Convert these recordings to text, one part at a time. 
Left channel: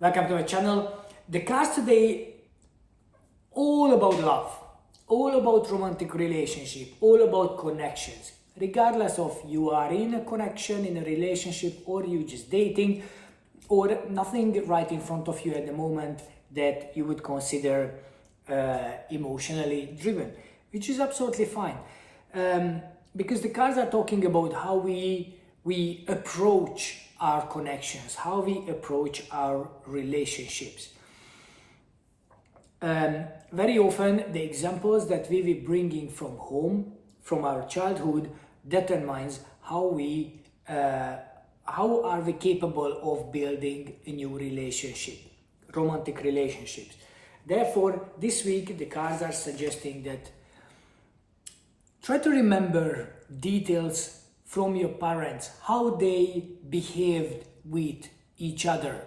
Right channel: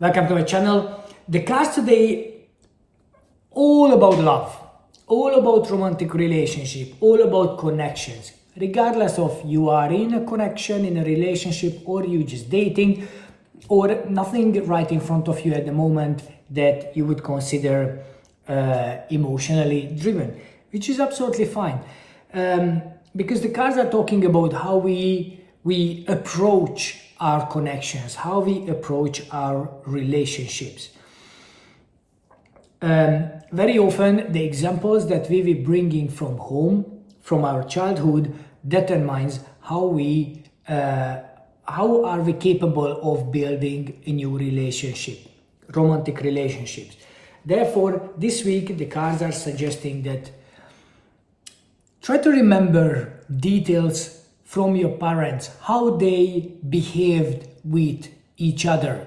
Welcome to my channel. The cards today all about love, all about romantic relationship, all about connections. Regardless of you are in a connection, in a relationship, or you just dating, or nothing right in front of you at the moment that you would consider emotionally driven, which is absolutely fine. Because the cards are talking about how we approach our connections, how we approach our relationships. Very often the examples that we will bringing from home, from our childhood, determines how are we capable of building a new relationship, romantic relationships. Therefore, this week the cards are suggesting that try to remember details from your parents, how they behaved with each other.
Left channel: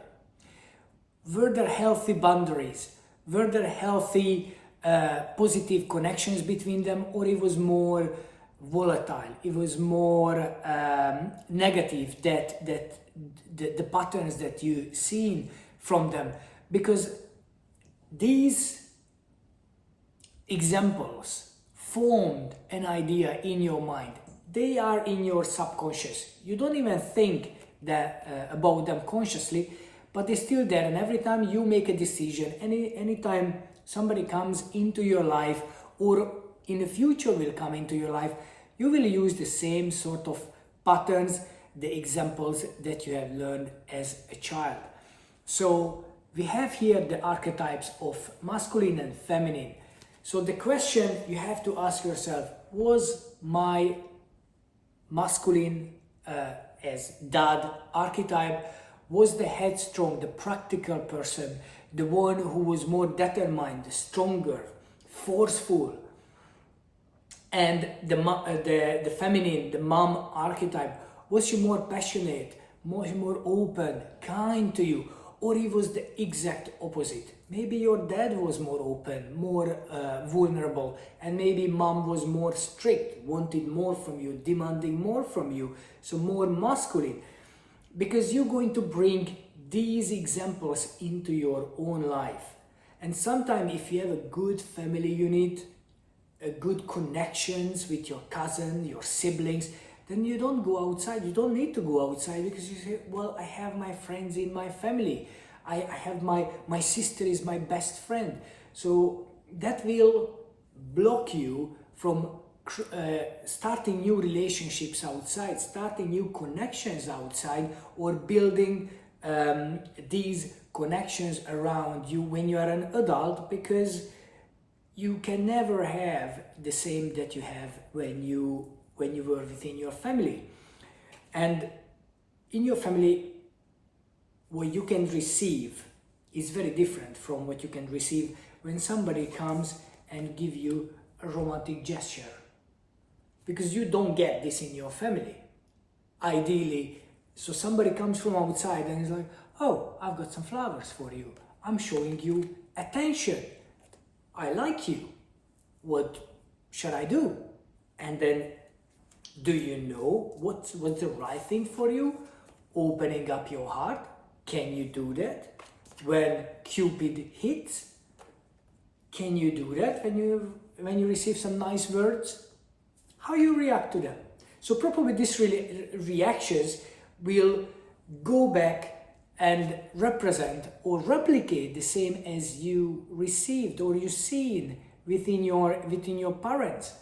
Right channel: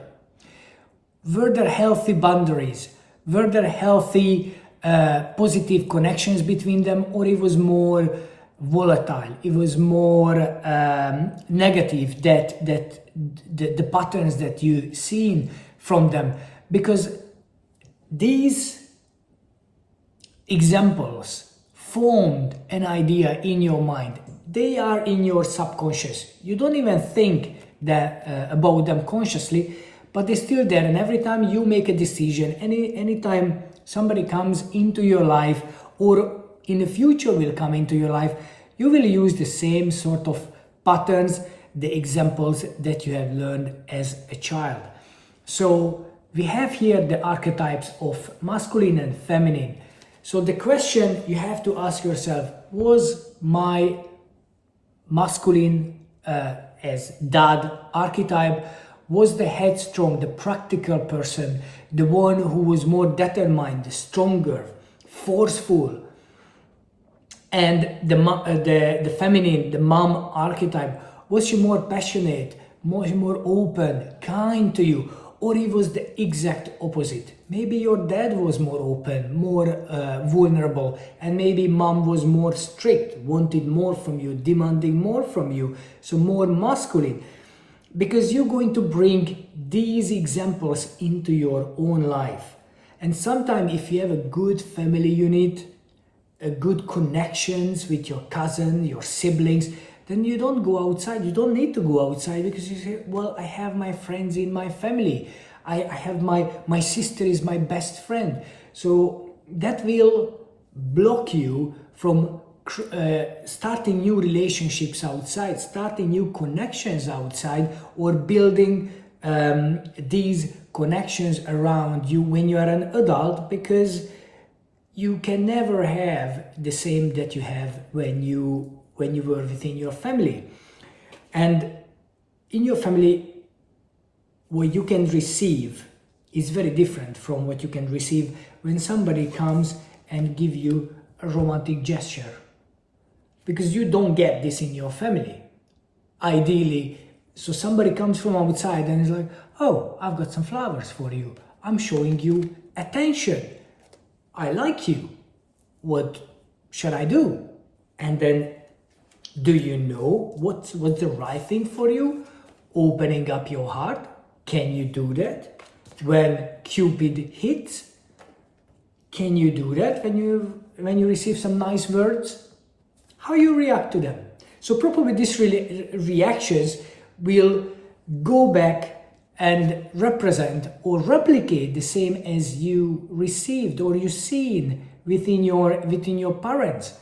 Were there healthy boundaries? Were there healthy, positive connections between them, or it was more volatile? It was more negative, that the patterns that you seen from them, because these examples formed an idea in your mind. They are in your subconscious. You don't even think that about them consciously, but they're still there. And every time you make a decision, anytime somebody comes into your life, or in the future will come into your life, you will use the same sort of patterns, the examples that you have learned as a child. So we have here the archetypes of masculine and feminine. So the question you have to ask yourself, was my masculine as dad archetype, was the headstrong, the practical person, the one who was more determined, stronger, forceful? And the feminine, the mom archetype, was she more passionate, more open, kind to you? Or it was the exact opposite. Maybe your dad was more open, more vulnerable, and maybe mom was more strict, wanted more from you, demanding more from you, so more masculine. Because you're going to bring these examples into your own life. And sometimes if you have a good family unit, a good connections with your cousin, your siblings, then you don't go outside. You don't need to go outside, because you say, well, I have my friends in my family. I have my sister is my best friend. So that will block you from starting new relationships outside, starting new connections outside, or building these connections around you when you are an adult, because you can never have the same that you have when you were within your family. And in your family, what you can receive is very different from what you can receive when somebody comes and give you a romantic gesture, because you don't get this in your family ideally. So somebody comes from outside and is like, oh, I've got some flowers for you, I'm showing you attention, I like you, what should I do? And then, do you know what's the right thing for you? Opening up your heart. Can you do that when Cupid hits? Can you do that when you receive some nice words? How you react to them? So probably these reactions will go back and represent or replicate the same as you received or you seen within your parents.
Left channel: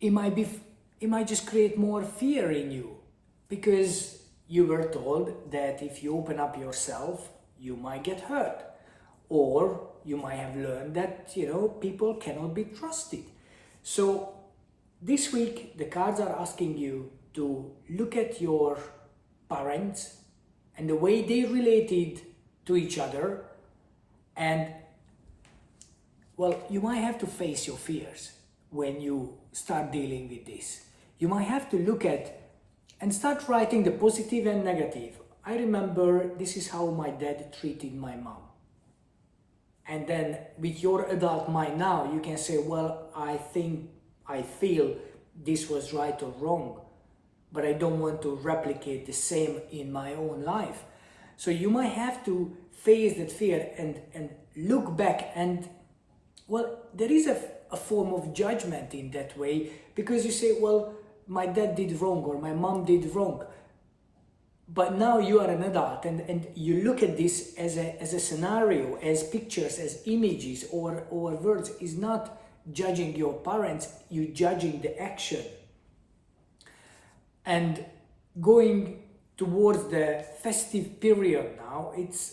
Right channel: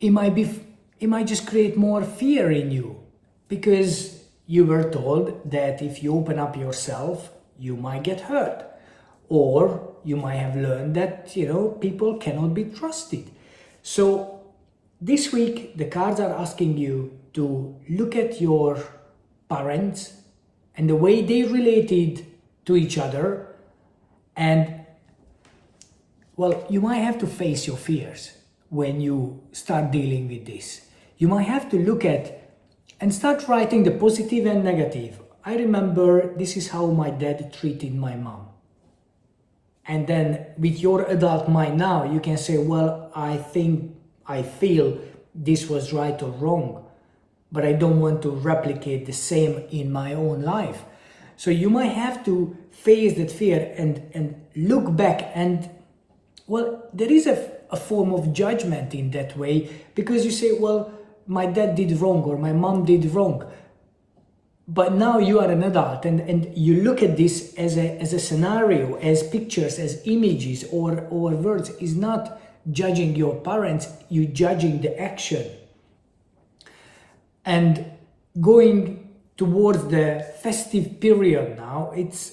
It might just create more fear in you, because you were told that if you open up yourself, you might get hurt. Or you might have learned that, people cannot be trusted. So this week, the cards are asking you to look at your parents and the way they related to each other. And, well, you might have to face your fears when you start dealing with this. You might have to look at and start writing the positive and negative. I remember this is how my dad treated my mom. And then with your adult mind now, you can say, well, I feel this was right or wrong, but I don't want to replicate the same in my own life. So you might have to face that fear and look back, and well, there is a form of judgment in that way, because you say, well, my dad did wrong or my mom did wrong. But now you are an adult, and you look at this as a scenario, as pictures, as images or words. Is not judging your parents, you judging the action. And going towards the festive period now, it's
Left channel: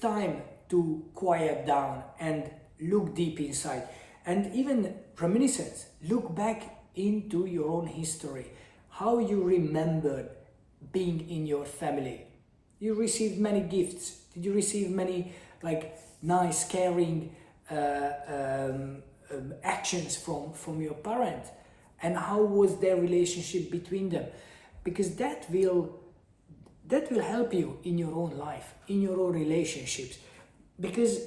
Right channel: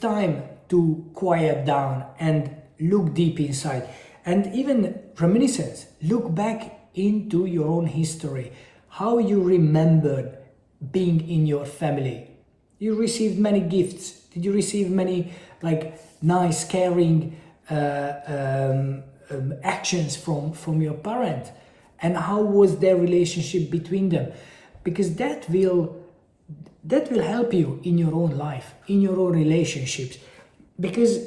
time to quiet down and look deep inside, and even reminiscence. Look back into your own history, how you remembered being in your family. You received many gifts. Did you receive many nice, caring actions from your parent? And how was their relationship between them? Because that will help you in your own life, in your own relationships, because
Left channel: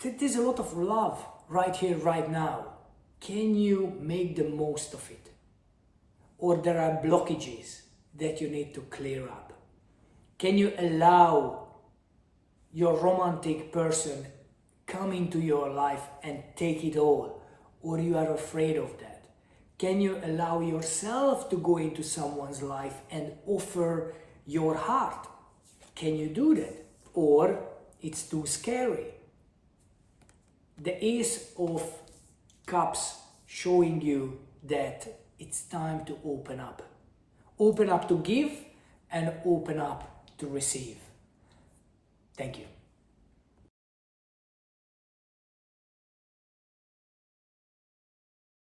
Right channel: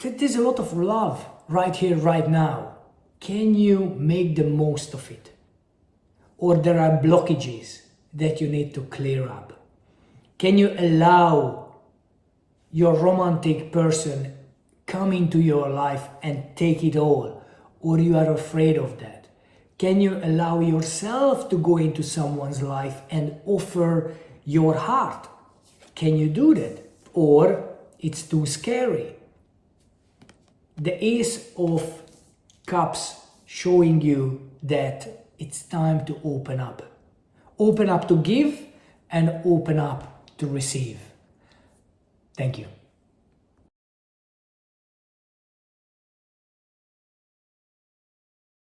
there's a lot of love right here, right now. Can you make the most of it? Or there are blockages that you need to clear up? Can you allow your romantic person come into your life and take it all? Or you are afraid of that? Can you allow yourself to go into someone's life and offer your heart? Can you do that? Or it's too scary? The Ace of Cups showing you that it's time to open up. Open up to give and open up to receive. Thank you.